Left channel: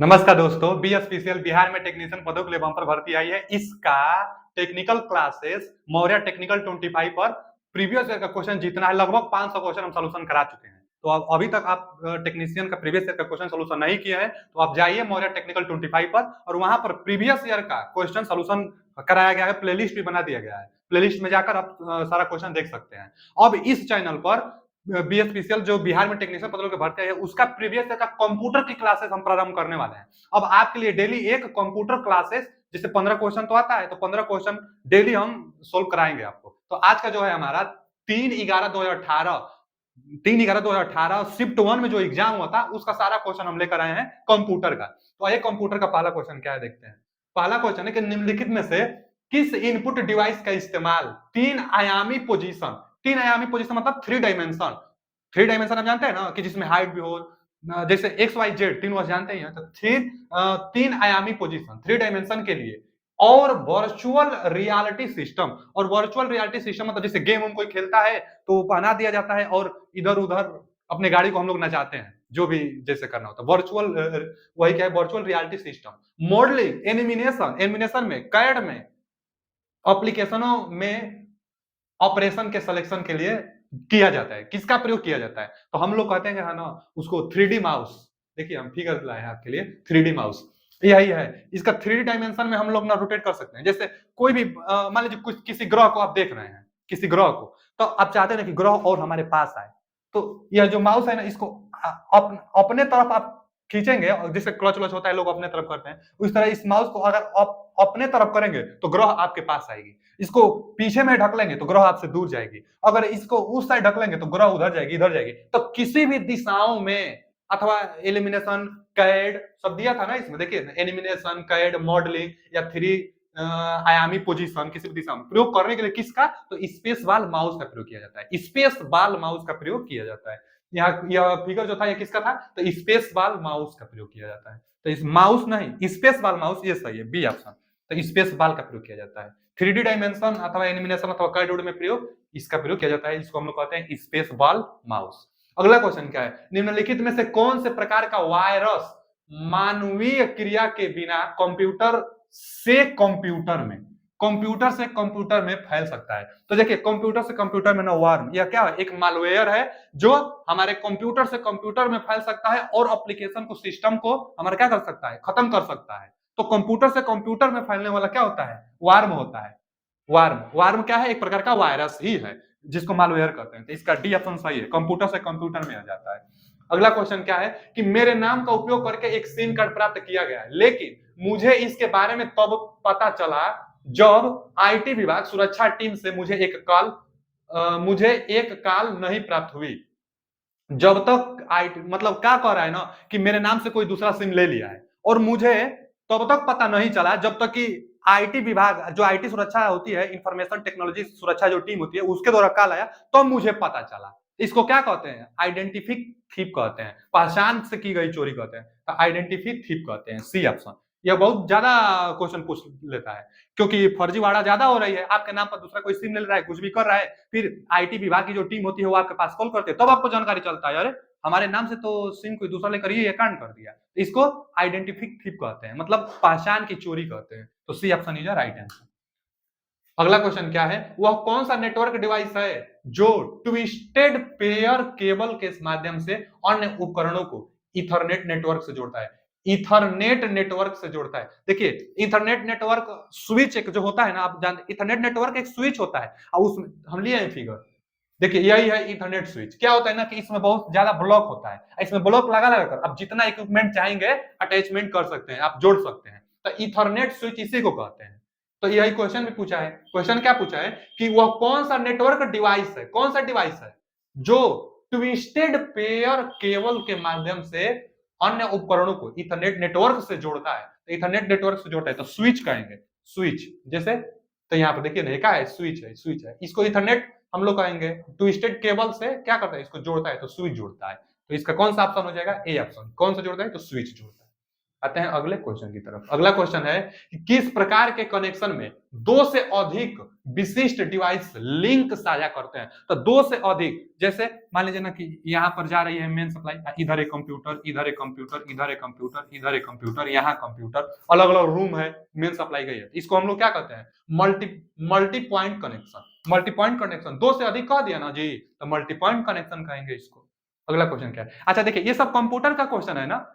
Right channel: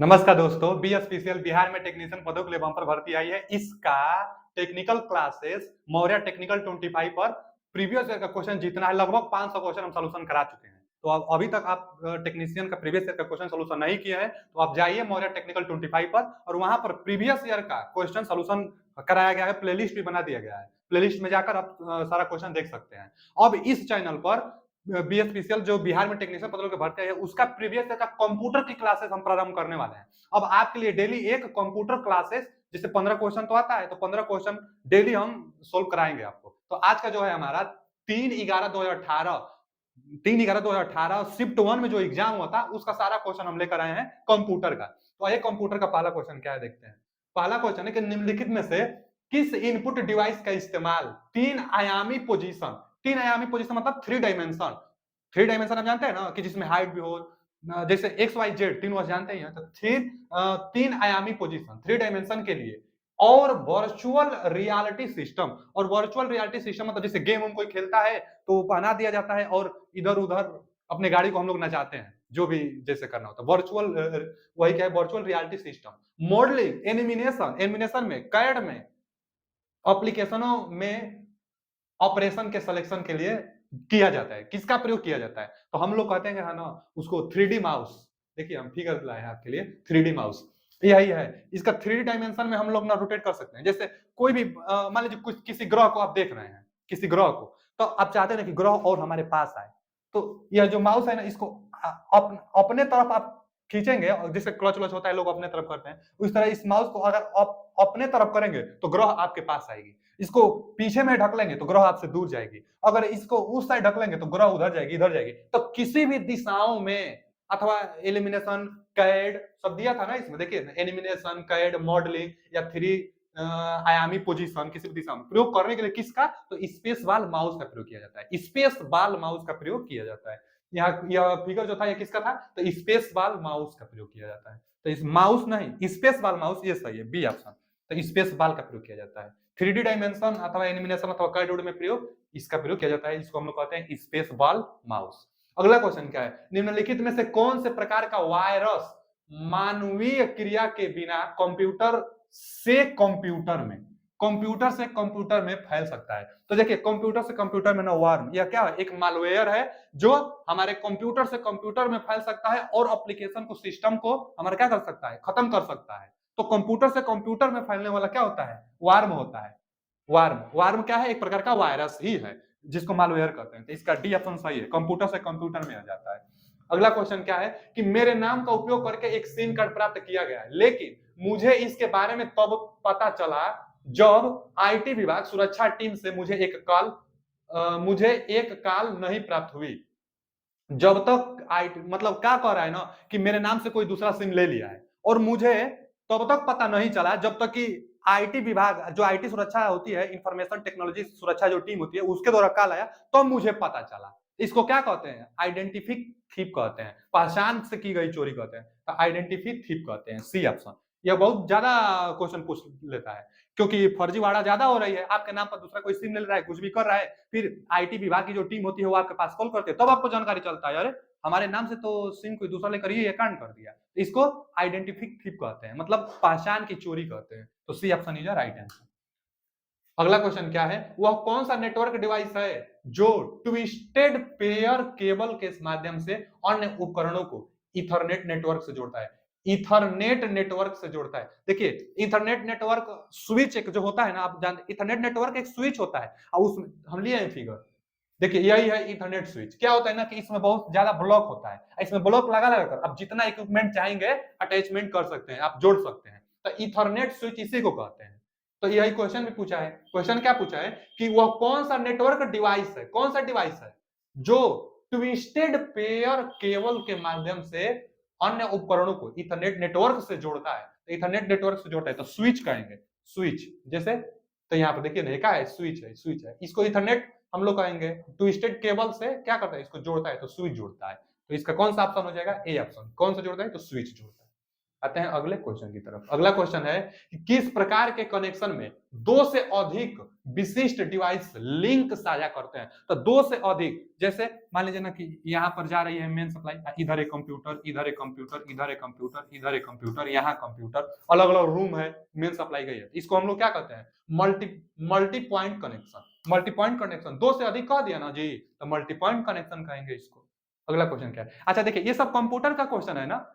नमस्कार दोस्तों, बीएसपीसीएल बिहार में टेक्नीशियन पदों के लिए बम्पर भर्ती आई है। इसका टेक्निकल क्लासेस मौर्य टेक्निकल 25 पर प्रीवियस ईयर का क्वेश्चन जितना है लगभग 500 क्वेश्चन हम सॉल्यूशन करा चुके हैं। तो अभी तक आप टेक्नीशियन का प्रीवियस ईयर का क्वेश्चन सॉल्यूशन नहीं किए हैं तो आप जाइए मौर्य टेक्निकल 25 पर और वहां पर प्रीवियस ईयर का क्वेश्चन सॉल्यूशन कराया गया है, प्लेलिस्ट भी बना दिया गया है। प्लेलिस्ट में जाकर आप सारा क्वेश्चन देख सकते हैं। अब इस चैनल पर बीएसपीसीएल जो बिहार में टेक्नीशियन पदों के भर्ती है उसका प्रीवियस ईयर का कंप्यूटर की क्लासेस हम प्रारंभ करने वाले हैं। अब आपके लिए डेली एक कंप्यूटर क्लासेस जिससे 15 क्वेश्चन तो आता है, तो 15 क्वेश्चन डेली हम सोल्व कराएंगे आपको। तो आज का जो है हमारा 3/11/2018 शिफ्ट 1 में जो एग्जाम हुआ था उसका सारा क्वेश्चन हम लेकर आए हैं कंप्यूटर का। तो आइए कंप्यूटर का पहला क्वेश्चन क्या है देखते हैं। पहला क्वेश्चन है कि निम्नलिखित में से किस इनपुट डिवाइस का इस्तेमाल तीन आयामी पोजीशन मतलब थ्री डायमेंशन आप जानते हैं ना कि जिसमें हाइट भी हो, जैसे एक्स वाई जेड तीनों जानते ही हैं। तो तीन आयामी पोजीशन थ्री डायमेंशन के लिए और वर्चुअल रियलिटी सिस्टम, और वर्चुअल रियलिटी सिस्टम मतलब जैसे गेम हम कोई खेलता है तो बना दिया जाता है और इधर उधर अपने गाड़ी को हम लोग नचाते हैं, जो भी जैसे करना होता है वर्चुअल, वही क्या है virtual reality system. Modelling animation animation में कैड में एप्लीकेशनों में ऑपरेशन के सिलेक्शन के लिए किया जाता है। किसका प्रयोग किया जाता है? तो हम लोग कहते हैं है ना उसको 3D माउस। देखिए हम फिगर लाए हैं आपके लिए 3D माउस, यही है। इसका 3D डायमेंशन में हम लोग ना रोटेट कर सकते हैं। जैसे कोई भी मान लीजिए कुछ किसी ग्रह को आप देख रहे हैं, किसी ग्रह को, तो आप चाहते हैं कि ग्रह और हमारे पास आए, तो यह जो माउस है ना इसको अपने तरफ आप खींचेंगे और जैसे क्लच व्लच होता है लोग अपने तरफ करते हैं, उस तरह इस माउस को अगर अपने तरफ करेंगे तो ग्रह आपके पास आएगी। इसको पीछे में ढक लेंगे तो ग्रह आपसे दूर जाएगी। अगर इसको उस साइड ढक लेंगे तो ग्रह उधर जाएगी, इधर जाएगी। तो किसी भी दिशाओं में अथवा एलिमिनेशन कैड सब दिया था ना इसमें, देखिए एलिमिनेशन कैड मॉडलिंग या थ्री आयामी पोजीशन किसी भी दिशा में प्रयोग करने के लिए किसका, तो स्पेस बाल माउस का प्रयोग किया जाता है। स्पेस बाल माउस का प्रयोग किया जाता है। यहाँ यह फिगर जो था ये किसका था, तो स्पेस बाल माउस का प्रयोग किया जाता है। तो इस माउस नहीं, स्पेस बाल माउस, ये सही है बी ऑप्शन। तो स्पेस बाल का प्रयोग किया जाता है। 3D डायमेंशन अथवा एनिमेशन अथवा कार्ड में प्रयोग इसका प्रयोग किया जाता है। इसको हम लोग कहते हैं स्पेस बॉल माउस। अगला क्वेश्चन क्या है, निम्नलिखित में से कौन से प्रकार का वायरस मानवीय क्रिया के बिना कंप्यूटर से कंप्यूटर में फैल सकता है? तो देखिए कंप्यूटर से कंप्यूटर में ना वार्म, यह क्या है, एक मालवेयर है जो हमारे कंप्यूटर से कंप्यूटर में फैल सकता है और एप्लीकेशन को सिस्टम को हमारा क्या कर सकता है, खत्म कर सकता है। तो कंप्यूटर से कंप्यूटर में फैलने वाला क्या होता है, वार्म होता है। वार्म क्या है, एक प्रकार का वायरस ही है जिसको मालवेयर कहते हैं। तो इसका डी ऑप्शन सही है, कंप्यूटर से कंप्यूटर में आ जाता है। अगला क्वेश्चन क्या है कि मेरे नाम का उपयोग करके एक सिम कार्ड प्राप्त किया गया है, लेकिन मुझे इसके बारे में तब पता चला जब आईटी विभाग सुरक्षा टीम से मुझे एक कॉल नहीं प्राप्त हुई। जब तक आईटी मतलब क्या कह रहा है ना कि मेरे नाम से कोई दूसरा सिम ले लिया है और मुझे तब तक पता नहीं चला जब तक कि आईटी विभाग जो आईटी सुरक्षा होती है, इंफॉर्मेशन टेक्नोलॉजी सुरक्षा जो टीम होती है उसके द्वारा कॉल आया तब मुझे पता चला। इसको क्या कहते हैं, आइडेंटिफिक थीप कहते हैं, पहचान से की गई चोरी कहते हैं, आइडेंटिफिक थीप कहते हैं, सी ऑप्शन। यह बहुत ज्यादा क्वेश्चन पूछ लेता है क्योंकि फर्जीवाड़ा ज्यादा हो रही है। आपके नाम पर दूसरा कोई सिम ले रहा है, कुछ भी कर रहा है, फिर आईटी विभाग की जो टीम होती है वो आपके पास कॉल करते हैं, तब आपको जानकारी चलता है अरे हमारे नाम से तो सिम कोई दूसरा लेकर ये कांड कर दिया। इसको आइडेंटिफिक थीप कहते हैं, मतलब पहचान की चोरी कहते हैं। तो C option is right answer. अगला क्वेश्चन क्या है, वह कौन सा नेटवर्क डिवाइस है जो ट्विस्टेड पेयर केबल के माध्यम से अन्य उपकरणों को इथरनेट नेटवर्क से जोड़ता है? इथरनेट नेटवर्क से जोड़ता है। देखिए इथरनेट नेटवर्क स्विच एक जो होता है ना, आप जानते इथरनेट नेटवर्क एक स्विच होता है और उसमें हम लिए हैं फिगर, देखिए यही है इथरनेट स्विच। क्या होता है ना कि इसमें बहुत ज्यादा ब्लॉक होता है, इसमें ब्लॉक लगा लगा कर आप जितना इक्विपमेंट चाहेंगे अटैचमेंट कर सकते हैं, आप जोड़ सकते हैं। तो इथरनेट स्विच इसी को कहते हैं। तो यही क्वेश्चन भी पूछा है। क्वेश्चन क्या पूछा है कि वह कौन सा नेटवर्क डिवाइस है, कौन सा डिवाइस है जो ट्विस्टेड पेयर केबल के माध्यम से अन्य उपकरणों को इथरनेट नेटवर्क से जोड़ता है। तो इथरनेट नेटवर्क से जोड़ता है तो स्विच कहेंगे, स्विच जैसे। तो यहाँ पर देखिए क्या है, स्विच है। इसको इथरनेट हम लोग कहेंगे, ट्विस्टेड केबल से क्या करता है, इसको जोड़ता है तो स्विच जोड़ता है। तो इसका कौन सा ऑप्शन हो जाएगा, ए ऑप्शन। कौन सा जोड़ता है, तो स्विच जोड़ता है। आते हैं अगले क्वेश्चन की तरफ। अगला क्वेश्चन है कि किस प्रकार के कनेक्शन में दो से अधिक विशिष्ट डिवाइस लिंक साझा करते हैं। तो दो से अधिक, जैसे मान लीजिए ना कि यहाँ पर जा रही है मेन सप्लाई, इधर एक कंप्यूटर, इधर एक कंप्यूटर, इधर एक कंप्यूटर, इधर एक कंप्यूटर, यहाँ कंप्यूटर, अलग अलग रूम है, मेन सप्लाई गई है। इसको हम लोग क्या कहते हैं? Multi point connection. Multi point connection दो से अधिक कह दिया ना जी, तो मल्टी पॉइंट कनेक्शन कहेंगे इसको। अगला क्वेश्चन क्या है? अच्छा देखिए, ये सब कंप्यूटर का क्वेश्चन है ना।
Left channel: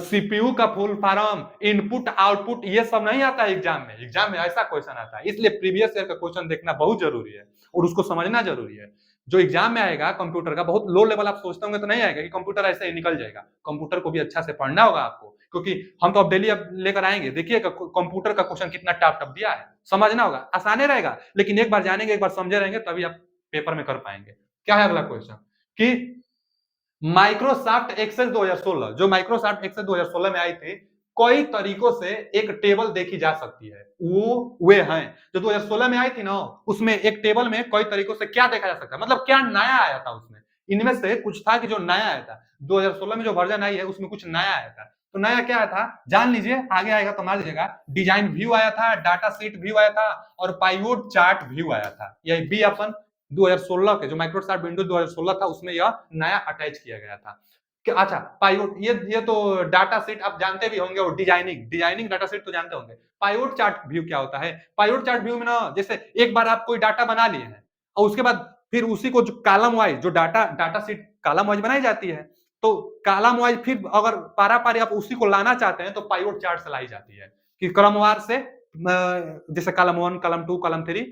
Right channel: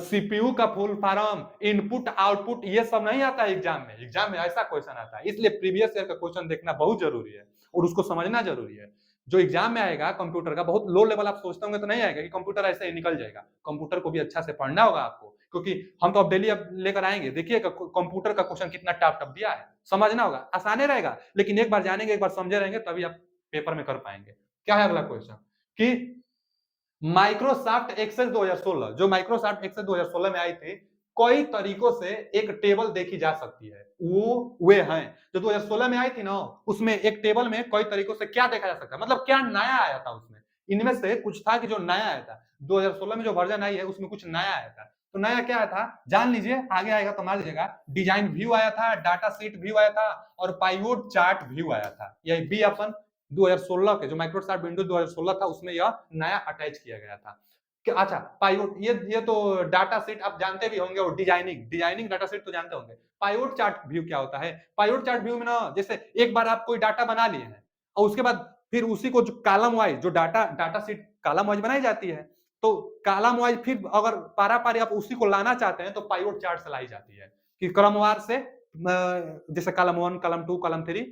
सीपीयू का फुल फॉर्म, इनपुट आउटपुट, ये सब नहीं आता है एग्जाम में। एग्जाम में ऐसा क्वेश्चन आता है, इसलिए प्रीवियस ईयर का क्वेश्चन देखना बहुत जरूरी है और उसको समझना जरूरी है। जो एग्जाम में आएगा कंप्यूटर का, बहुत लो लेवल आप सोचते होंगे तो नहीं आएगा कि कंप्यूटर ऐसे ही निकल जाएगा। कंप्यूटर को भी अच्छा से पढ़ना होगा आपको, क्योंकि हम तो अब डेली अब लेकर आएंगे। देखिए कंप्यूटर का क्वेश्चन कितना टफ टफ दिया है, समझना होगा। आसाने रहेगा, लेकिन एक बार जानेंगे, एक बार समझे रहेंगे, तभी आप पेपर में कर पाएंगे। क्या है अगला क्वेश्चन कि माइक्रोसॉफ्ट एक्सेल 2016, जो माइक्रोसॉफ्ट एक्सेल 2016 में आई थी, कई तरीकों से एक टेबल देखी जा सकती है। वो वे हैं जो 2016 में आई थी ना, उसमें एक टेबल में कई तरीकों से क्या देखा जा सकता है, मतलब क्या नया आया था उसमें। इनमें से कुछ था कि जो नया आया था 2016 में, जो वर्जन आई है उसमें कुछ नया आया था। तो नया क्या आया था जान लीजिए, आगे आएगा तो मान लीजिएगा। डिजाइन व्यू आया था, डाटा शीट व्यू आया था, और पाइवोट चार्ट व्यू आया था। यही बी ऑप्शन 2016 के जो माइक्रोसॉफ्ट विंडोज 2016 था उसमें यह नया अटैच किया गया था। अच्छा पाइवोट, ये तो डाटा सेट आप जानते भी होंगे, और डिजाइनिंग डाटा सेट तो जानते होंगे। पाइवोट चार्ट व्यू क्या होता है? पाइवोट चार्ट व्यू में ना, जैसे एक बार आप कोई डाटा बना लिए हैं और उसके बाद फिर उसी को जो कॉलम वाइज, जो डाटा सीट कॉलम वाइज बनाई जाती है, तो कॉलम वाइज फिर अगर पारा पारी आप उसी को लाना चाहते हैं तो पाइवोट चार्ट से लाई जाती है कि क्रमवार से, जैसे कॉलम 1, कॉलम 2, कॉलम 3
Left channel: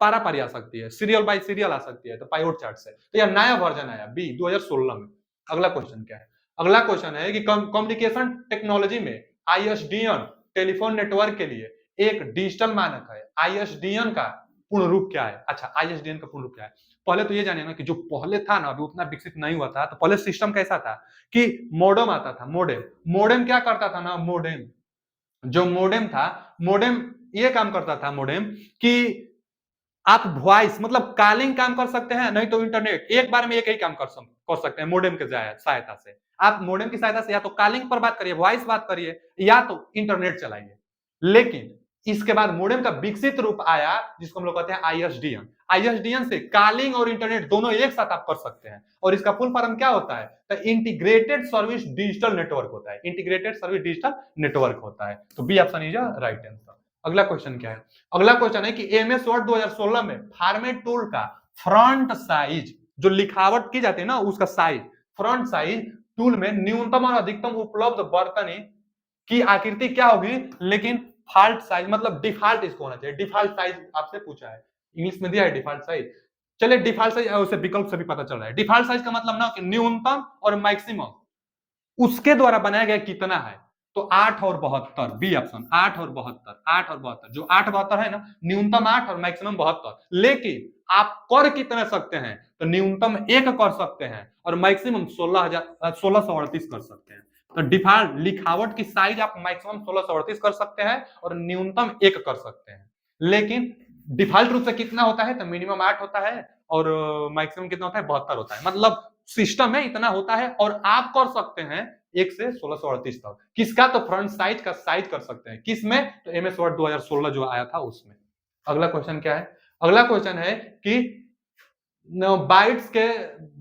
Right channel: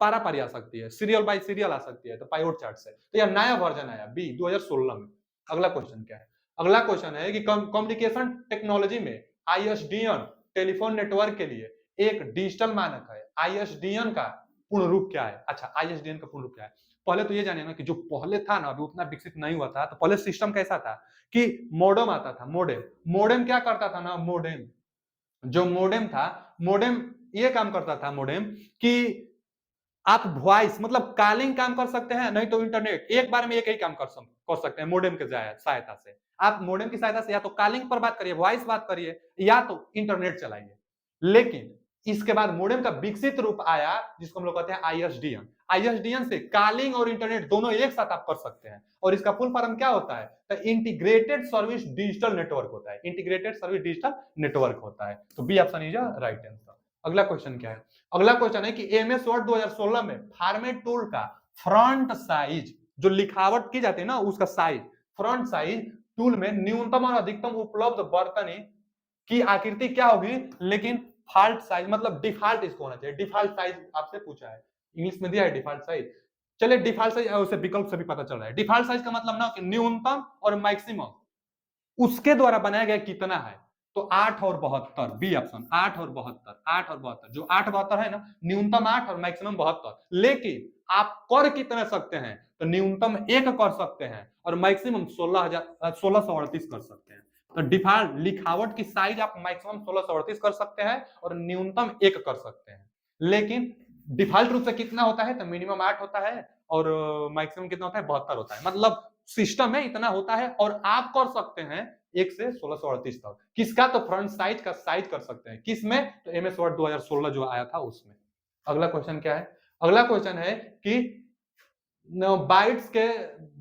पारा पारी आ सकती है, सीरियल बाय सीरियल आ सकती है, तो पाइवोट चार्ट से। तो यह नया वर्जन आया बी 2016 में। अगला क्वेश्चन क्या है? अगला क्वेश्चन है कि कम्युनिकेशन टेक्नोलॉजी में आईएसडीएन टेलीफोन नेटवर्क के लिए एक डिजिटल मानक है। आईएसडीएन का पूर्ण रूप क्या है? अच्छा, आईएसडीएन का पूर्ण रूप क्या है? पहले तो ये जानिए ना कि जो पहले था ना, अभी उतना विकसित नहीं हुआ था, तो पहले सिस्टम कैसा था कि मोडेम आता था। मोडेम मोडेम क्या करता था ना, मोडेम जो मोडेम था, मोडेम ये काम करता था मोडेम कि आप वॉइस मतलब कॉलिंग काम कर सकते हैं, नहीं तो इंटरनेट, एक बार में एक ही काम कर सकते हैं मोडेम के सहायता से। आप मोडेम की सहायता से या तो कॉलिंग पर बात करिए, वॉइस बात करिए, या तो इंटरनेट चलाइए। लेकिन इसके बाद मोडेम का विकसित रूप आया जिसको हम लोग कहते हैं आईएसडीएन। आईएसडीएन से कॉलिंग और इंटरनेट दोनों एक साथ आप कर सकते हैं, और इसका फुल फॉर्म क्या होता है? तो इंटीग्रेटेड सर्विस डिजिटल नेटवर्क होता है। इंटीग्रेटेड सर्विस डिजिटल नेटवर्क होता है। तो B option is right answer. अगला क्वेश्चन क्या है? अगला क्वेश्चन है कि एमएस वर्ड 2016 में फॉर्मेट टूल का फ्रंट साइज, जो लिखावट की जाती है ना उसका साइज, फ्रंट साइज टूल में न्यूनतम और अधिकतम उपलब्ध वर्तनी की आकृति क्या होगी, लेकिन फॉल्ट साइज मतलब डिफॉल्ट इसको होना चाहिए। डिफॉल्ट साइज आपसे पूछा है, इंग्लिश में दिया है डिफॉल्ट साइज। चलिए डिफॉल्ट साइज उसे विकल्प से भी पता चल रहा है। डिफॉल्ट साइज का मतलब ना कि न्यूनतम और मैक्सिमम उसके द्वारा बनाया गया कितना है, तो 8 और 72, बी ऑप्शन 8 और 72, 8 और 72, जो 8 72 है ना, न्यूनतम 8 और मैक्सिमम 72। लेकिन आप कर कितने सकते हैं? तो न्यूनतम 1 कर सकते हैं और मैक्सिमम 1638 कर सकते हैं। तो डिफॉल्ट लिखावट की साइज आप मैक्सिमम 1638 कर सकते हैं और न्यूनतम 1 कर सकते हैं। लेकिन डिफॉल्ट रूप से कितना होता है? तो मिनिमम 8 होता है और मैक्सिमम कितना होता है? 72 होता है। मतलब सिस्टम में इतना होता है और आप कर सकते हैं 1 से 1638 तक। किसका? तो फ्रंट साइज का साइज कर सकते हैं। किसमें? तो एमएस वर्ड 2016 जो आया था उसमें। अगला क्वेश्चन क्या है? अगला क्वेश्चन है कि बाइट्स के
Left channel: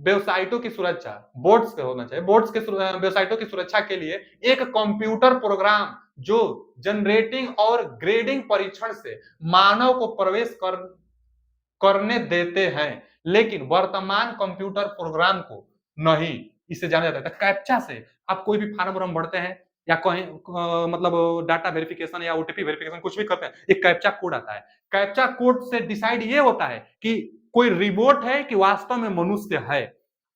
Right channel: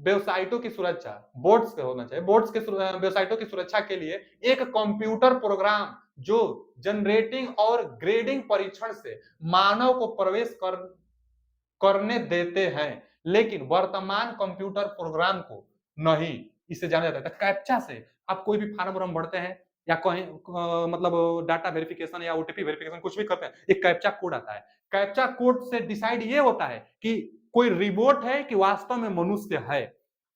वेबसाइटों की सुरक्षा, बोट्स के होना चाहिए, बोट्स के वेबसाइटों की सुरक्षा के लिए एक कंप्यूटर प्रोग्राम जो जनरेटिंग और ग्रेडिंग परीक्षण से मानव को प्रवेश करने देते हैं, लेकिन वर्तमान कंप्यूटर प्रोग्राम को नहीं। इसे जाना जाता है कैप्चा से। आप कोई भी फार्म वार्म भरते हैं या कहीं मतलब डाटा वेरिफिकेशन या ओटीपी वेरिफिकेशन कुछ भी करते हैं, एक कैप्चा कोड आता है। कैप्चा कोड से डिसाइड ये होता है कि कोई रिबोट है कि वास्तव में मनुष्य है।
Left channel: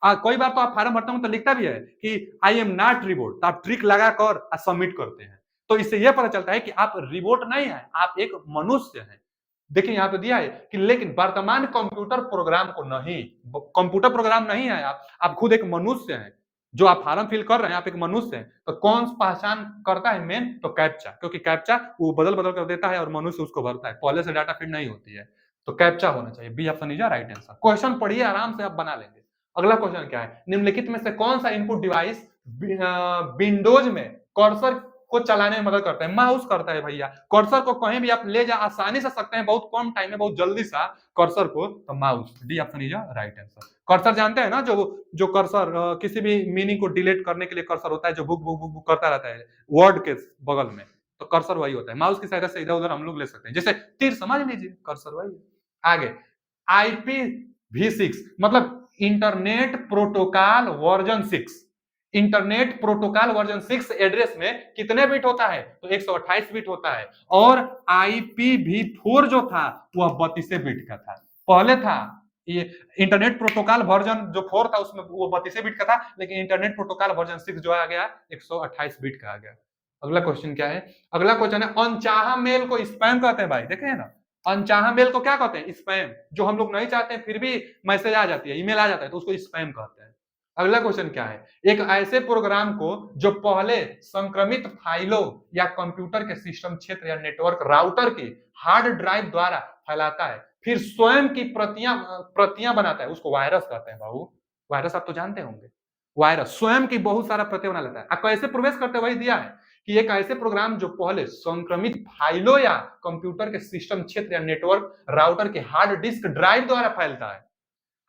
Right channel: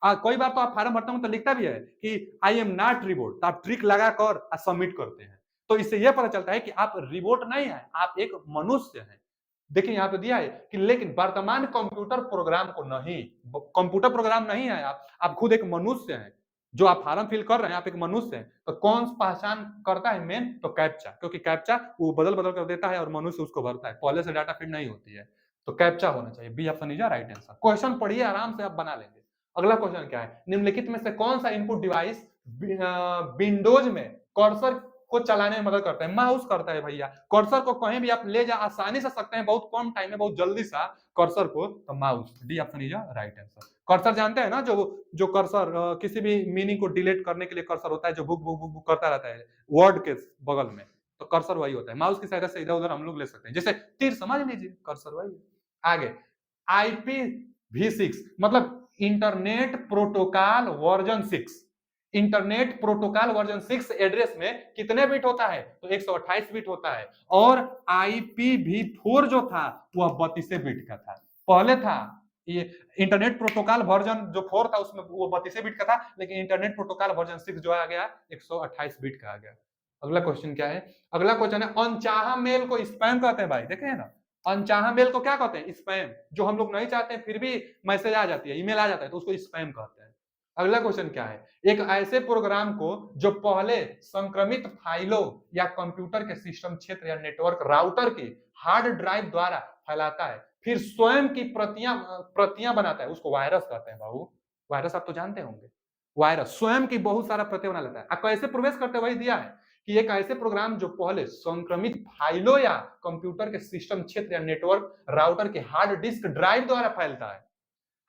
कई बार तो आप फार्म भरते हो तो लिखता भी है कि आई एम नॉट रिबोट, तो आप ट्रिक लगाकर सबमिट करते हैं। तो इससे यह पता चलता है कि आप रिबोट नहीं है, आप एक मनुष्य हैं। देखिए यहाँ पे दिया है कि लेकिन वर्तमान कंप्यूटर प्रोग्राम को नहीं, कंप्यूटर प्रोग्राम नहीं है आप खुद एक मनुष्य हैं। जो आप फॉर्म फिल कर रहे हैं, आप एक मनुष्य हैं। तो कौन पहचान करता है मेन? तो कैप्चा, क्योंकि कैप्चा वो बदल बदल कर देता है और मनुष्य उसको भरता है, पहले से डाटा फीड नहीं होती है। तो कैप्चा होना चाहिए, B option is right answer. Question पढ़िए आराम से आप बना लेंगे। अगला क्वेश्चन क्या है? निम्नलिखित में से कौन सा इनपुट डिवाइस विंडोज में कर्सर को चलाने में मदद करता है, माउस करता है भैया। कर्सर को कहीं भी आप ले जा आसानी से सकते हैं, बहुत कम टाइम में, बहुत जल्दी सा कर्सर को, तो mouse. D option is right answer. Cursor जानते हैं ना, जो कर्सर किसी भी मीनिंग को डिलीट करने के लिए कर्सर होता है, जो बुक बुक बुक बुक करता रहता है वर्ड के बगल में, तो कर्सर वही होता है। माउस की सहायता से इधर उधर हम लोग ले सकते हैं, जैसे तीर समझ लीजिए, कर्सर वही है। आगे IPv6 मतलब internet protocol version 6। Internet protocol version 6 address में कितने बिट होता है, तो 128 बिट होता है। और IPv4 जो था वह 32 बिट का था। पहले था ये इंटरनेट प्रोटोकॉल वर्जन जो 4 था उसमें वो 32 बिट का था, लेकिन इंटरनेट प्रोटोकॉल वर्जन 6 जो आ गया 128 बिट का आ गया। अगला क्वेश्चन क्या है? अगला क्वेश्चन है अनचाहा मेल को स्पैम कहते हैं भाई, देखे ना, अनचाहा मेल को क्या कहते हैं? स्पैम। जो हम लोग नहीं चाहते हैं फिर भी मैसेज आ जाती है, ईमेल आ जाता है, तो उसको स्पैम कहते हैं। अगला क्वेश्चन क्या है? एक ऐसे प्रोग्राम को जो पहले संक्रमित फाइलों या कंप्यूटर के सिस्टम क्षेत्र या नेटवर्क राउटर के हार्ड ड्राइव द्वारा फैलाता है, फिर स्वयं की प्रतियां बनाता है, उसको वायरस कहते हैं बाबू। वायरस आप तो जानते होंगे, वायरस स्वयं की बहुत सारा प्रतियां बना लेता है। आप कैसे प्रवेश करते हैं वही दिया है कि एक ऐसे प्रोग्राम जो पहले संक्रमित फाइलों या कंप्यूटर के सिस्टम क्षेत्र या नेटवर्क राउटर के हार्ड डिस्क ड्राइव द्वारा फैलता है।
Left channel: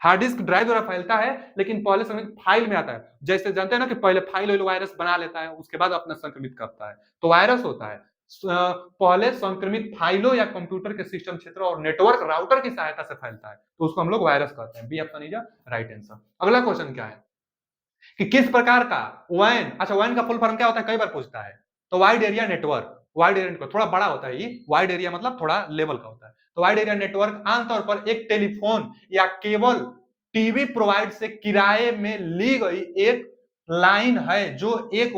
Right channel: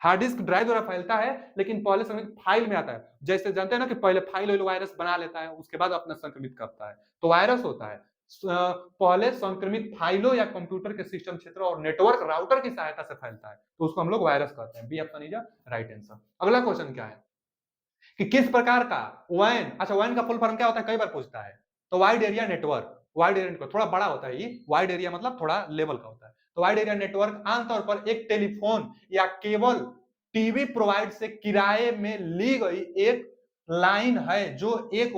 हार्ड डिस्क ड्राइव द्वारा फैलता है, लेकिन पहले समय फाइल में आता है। जैसे जानते हैं ना कि पहले फाइल वायरस बना लेता है, उसके बाद अपना संक्रमित करता है, तो वायरस होता है। पहले संक्रमित फाइलों या कंप्यूटर के सिस्टम क्षेत्र और नेटवर्क राउटर की सहायता से फैलता है, तो उसको हम लोग वायरस कहते हैं। B option is right answer. अगला क्वेश्चन क्या है कि किस प्रकार का वैन, अच्छा वैन का फुल फॉर्म क्या होता है, कई बार पूछता है। तो wide area network, wide area network थोड़ा बड़ा होता है, ये वाइड एरिया मतलब थोड़ा लेवल का होता है। तो वाइड एरिया नेटवर्क आमतौर पर एक टेलीफोन या केबल टीवी प्रोवाइड से किराए में ली गई एक लाइन है, जो एक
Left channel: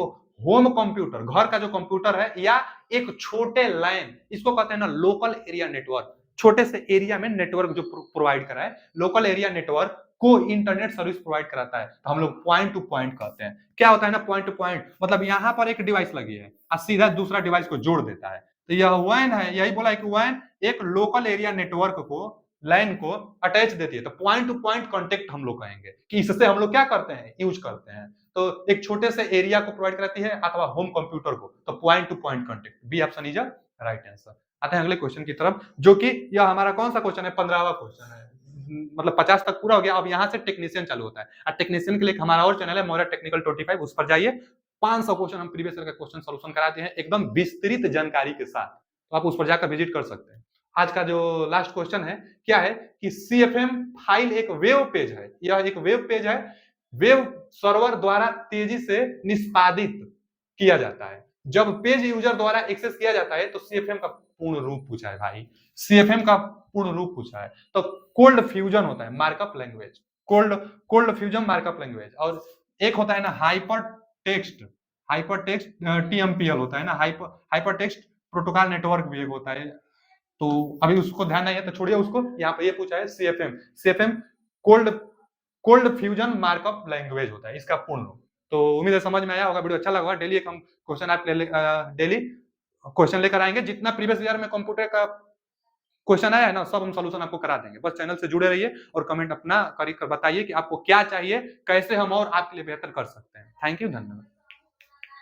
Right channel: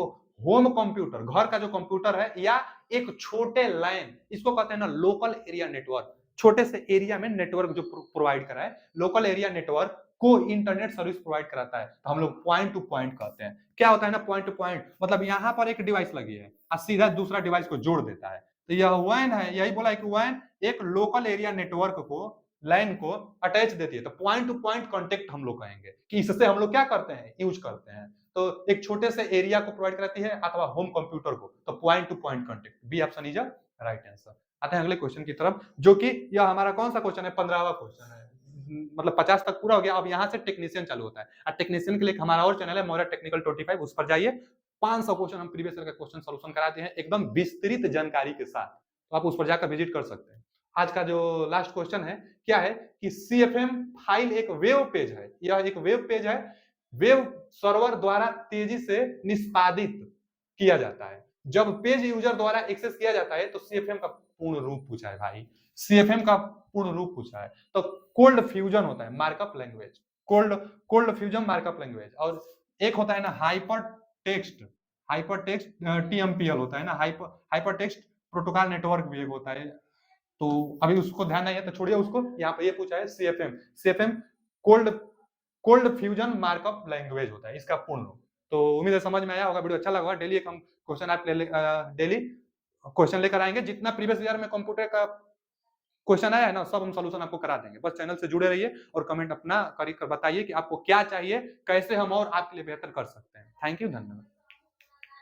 होम कंप्यूटर, घर का जो कंप्यूटर है, या एक छोटे लाइन, इसको कहते हैं ना लोकल एरिया नेटवर्क। छोटे से एरिया में नेटवर्क जो प्रोवाइड कराए, लोकल एरिया नेटवर्क को इंटरनेट सर्विस प्रोवाइड कराता है, तो हम लोग पॉइंट टू पॉइंट कहते हैं। क्या होता है ना पॉइंट टू पॉइंट, मतलब यहां पर एक डिवाइस लगी है और सीधा दूसरा डिवाइस को जोड़ देता है, तो यह वैन है। यही बोला है कि वैन एक लोकल एरिया नेटवर्क को, लाइन को अटैच देती है, तो पॉइंट टू पॉइंट कॉन्टेक्ट हम लोग कहेंगे कि इससे हम लोग क्या करते हैं, यूज करते हैं। तो एक छोटे से एरिया को प्रोवाइड कराती है अथवा होम कंप्यूटर को, तो point to point contact. B option is right answer. आते हैं अगले क्वेश्चन की तरफ, जो कि यह हमारा कौन सा क्वेश्चन है, 15वां क्वेश्चन है। मतलब 50 तक पूरा हो गया, अब यहाँ से टेक्नीशियन चालू होता है। और टेक्नीशियन के लिए हमारा और चैनल है मौर्य टेक्निकल 25, उस पर जाइए। 500 क्वेश्चन हम प्रीवियस ईयर का क्वेश्चन सॉल्यूशन कराते हैं एकदम विस्तृत जानकारी के साथ, तो आप उस पर जाकर विजिट कर सकते हैं। आज का जो लास्ट क्वेश्चन है क्या है कि CFM फाइल एक वेब पेज है, यह एक वेब पेज है, वेब सर्वर द्वारा तेजी से निष्पादित किया जाता है। जब पेज यूजर द्वारा एक्सेस किया जाता है तो CFM का पूर्ण रूप पूछा है भाई, CFM का पूर्ण रूप पूछा है। तो कोल्ड फ्यूजन होता है markup language, cold fusion markup language. और एक होता है ना हाइपर टेक्स्ट TMPL होता है ना, हाइपर टेक्स्ट प्रोटोकॉल नेटवर्क भी एक होता है। तो अभी उसको ध्यान नहीं है तो छोड़िए उसको, यहाँ पे ये पूछा है CFM cold cold fusion markup language होता है, इसका पूर्ण रूप। तो उम्मीद है समझ में आया होगा, वीडियो अच्छा लगा। डेली एक हम क्वेश्चन आप डेली क्वेश्चन लेकर आएंगे, जितना प्रीवियस ईयर में कंप्यूटर का क्वेश्चन आया है ना, सब हम सॉल्यूशन आपको करा देंगे। बस चैनल से जुड़े रहिए और कमेंट अपना कर बताइए कि आपको क्या चाहिए, कैसे हम और आपके लिए बेहतर कर सकते हैं। थैंक यू, धन्यवाद।